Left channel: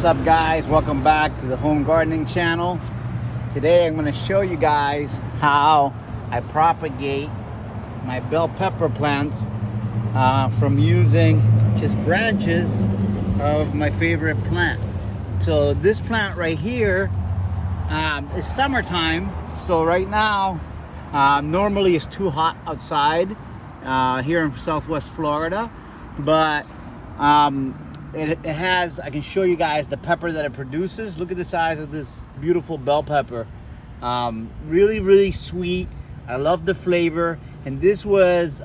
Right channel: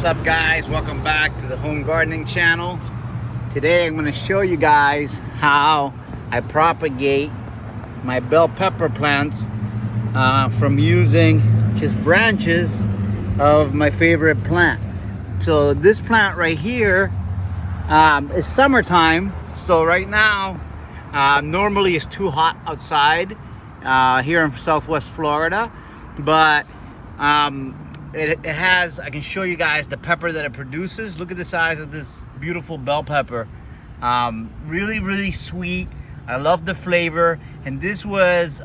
What's up, guys? Welcome back to the home gardening channel. Today I'm going to show you guys how I propagate my bell pepper plants from using just branches of my favorite plant. So this plant right here is summertime. So right now normally it's too hot outside here in Southwest Florida, but it has, I can show you guys the pepper that it produces. Look at the size of this beautiful bell pepper. Really sweet. I love the flavor. And this was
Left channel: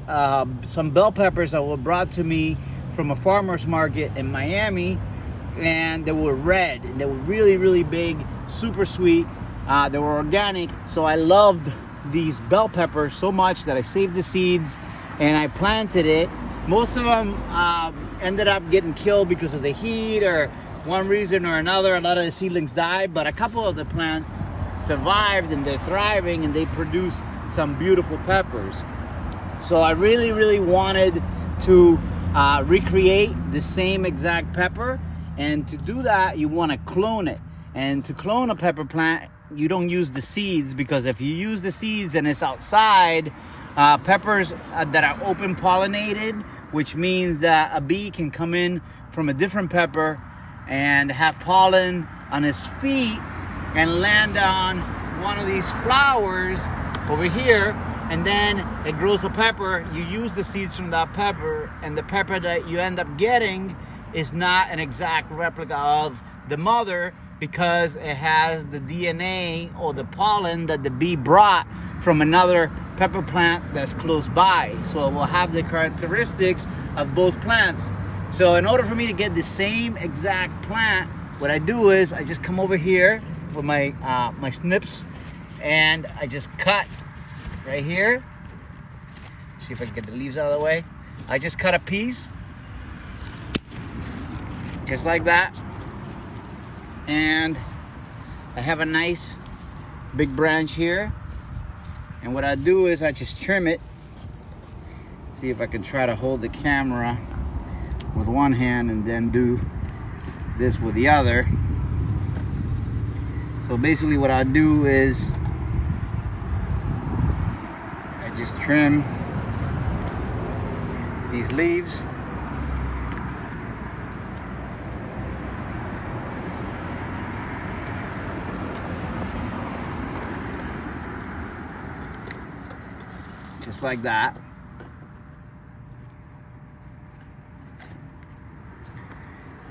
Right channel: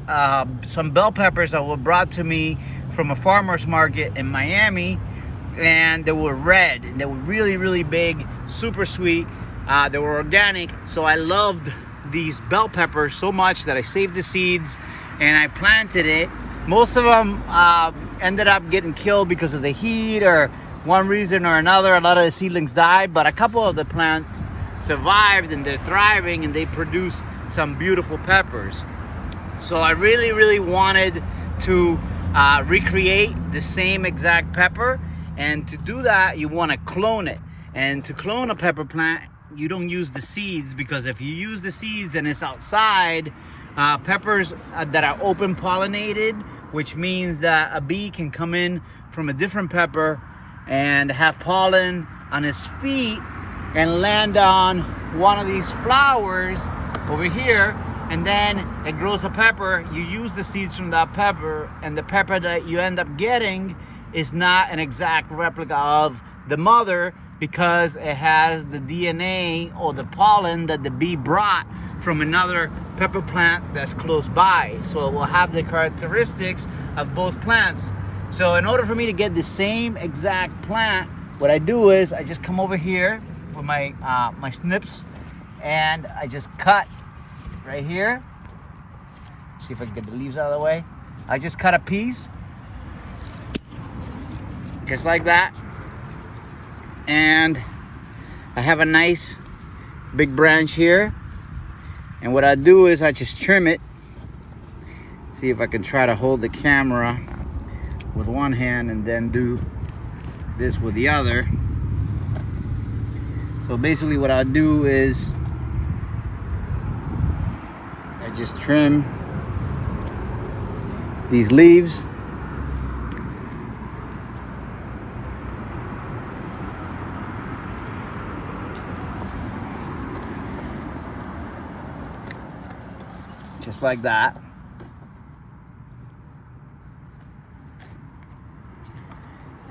some bell peppers that were brought to me from a farmer's market in Miami, and they were red and they were really big, super sweet. They were organic, so I loved these bell peppers so much that I saved the seeds and I planted it. Most of them ended up getting killed because of the heat or one reason or another. A lot of the seedlings died, but a couple of the plants survived and they're thriving and they produce some beautiful peppers. So I really wanted to recreate the same exact pepper, and to do that you want to clone it. And to clone a pepper plant, you don't use the seeds, because if you use the seeds and it's outside, peppers that are open pollinated, which means that a bee can come in from a different pepper and have pollen on his feet and land on one of these flowers over here, and then it grows a pepper. You use the seeds from that pepper, and the pepper that you end up getting is not an exact replica of the mother, because it has the DNA or the pollen that the bee brought from another pepper plant that's close by. So it will have the characteristics of both plants. So in order for me to get the same exact plant, what I do is I just come over here with my my snips, and I just cut right here. See if I can get the leaves out of the way. I just cut a piece just like that, and I have a nice big branch here. And what I do is I just trim it. See if I can try to hold the camera with one hand and then do this with the other. So basically what I do is I just trim these leaves. Just like that.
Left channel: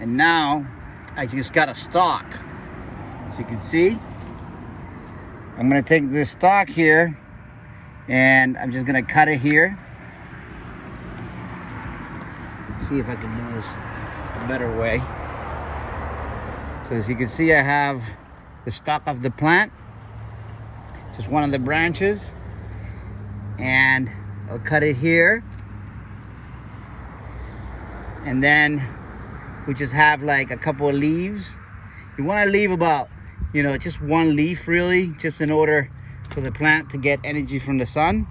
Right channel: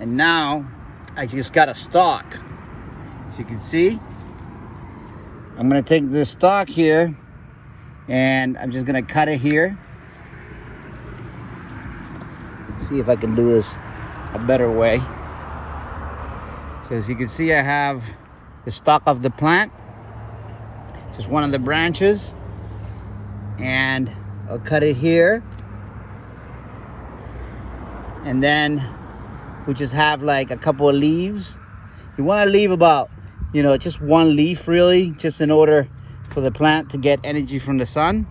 And now I just got a stalk. So you can see, I'm gonna take this stalk here and I'm just gonna cut it here. Let's see if I can do this a better way. So as you can see, I have the stalk of the plant, just one of the branches, and I'll cut it here, and then we just have like a couple of leaves. You want to leave about, just one leaf really, just in order for the plant to get energy from the sun.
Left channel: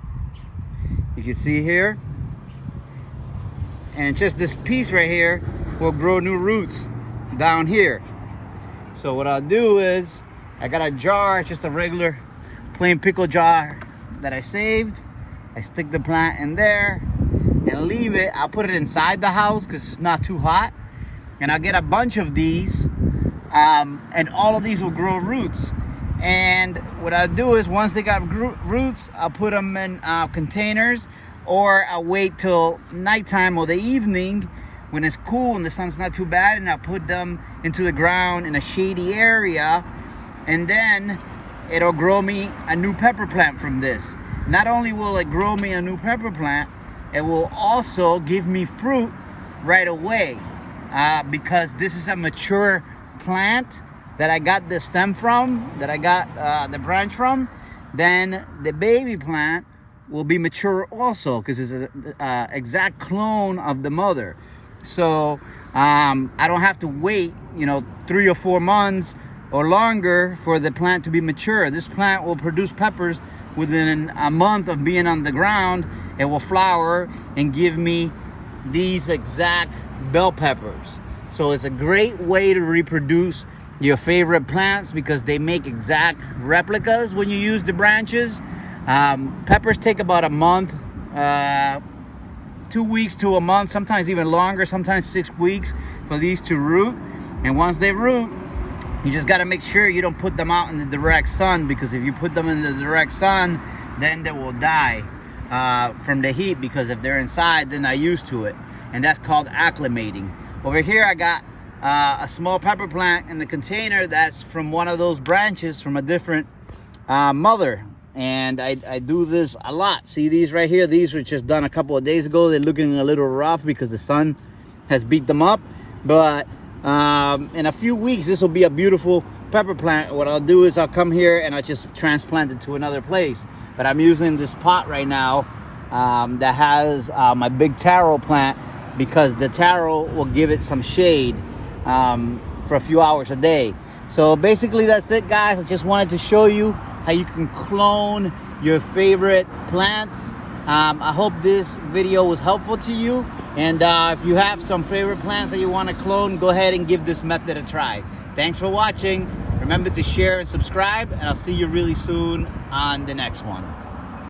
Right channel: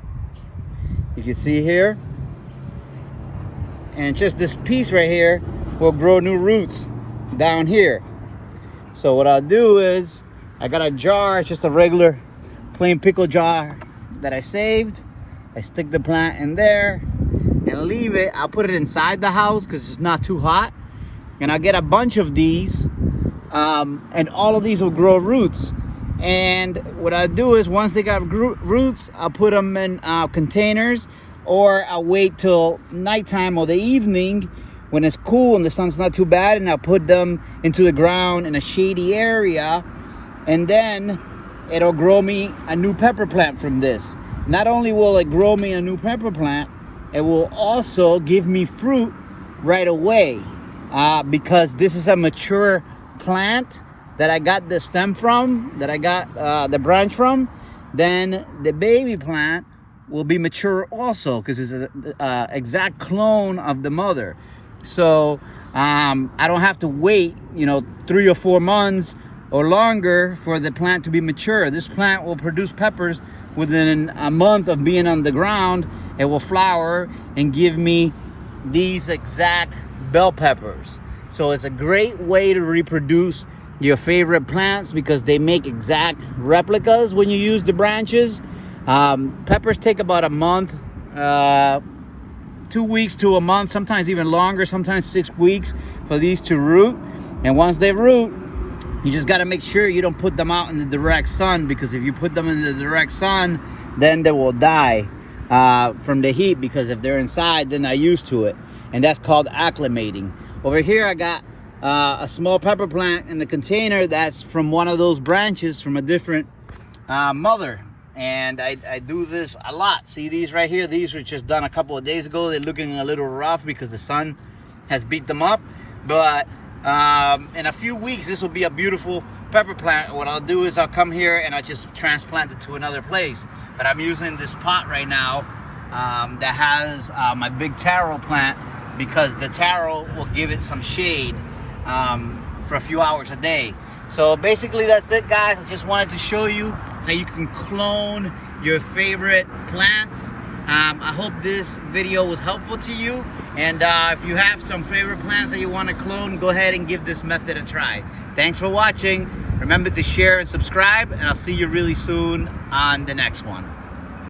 You can see here, and just this piece right here will grow new roots down here. So what I'll do is I got a jar, just a regular plain pickle jar that I saved. I stick the plant in there and leave it. I'll put it inside the house because it's not too hot, and I'll get a bunch of these, and all of these will grow roots. And what I do is once they got roots, I'll put them in containers, or I'll wait till nighttime or the evening when it's cool and the sun's not too bad, and I'll put them into the ground in a shady area, and then it'll grow me a new pepper plant from this. Not only will it grow me a new pepper plant, it will also give me fruit right away, because this is a mature plant that I got the stem from, that I got the branch from. Then the baby plant will be mature also, because it's an exact clone of the mother. So I don't have to wait 3 or 4 months or longer for the plant to be mature. This plant will produce peppers within a month of being on the ground. It will flower and give me these exact bell peppers. So it's a great way to reproduce your favorite plants because they make exact replicas when you use the branches. Peppers take about a month, 2 weeks to a month, sometimes even longer, sometimes 6 weeks for these to root. And once they root, you just got to make sure you don't put them out in the direct sun, because if you put them in the direct sun, then they will die from the heat, because if they're inside, they're not used to it. And that's called acclimating. Over here I got a small pepper plant in the container that's from one of those branches from a different mother. And I do this a lot. See these right here? These were just done a couple of days ago. They're looking a little rough because the sun has beat them up. But in a few weeks, this will be a beautiful pepper plant. What I'll do is I'll come here and I'll just transplant it to another place. But I'm using this pot right now that has my big taro plant, because the taro will give it some shade for a few hours a day. So basically that's it, guys. I just wanted to show you how you can clone your favorite plants. I hope this video was helpful to you, and if you have some favorite plants that you want to clone, go ahead and give this method a try. Thanks for watching. Remember to share and subscribe, and I'll see you really soon on the next one.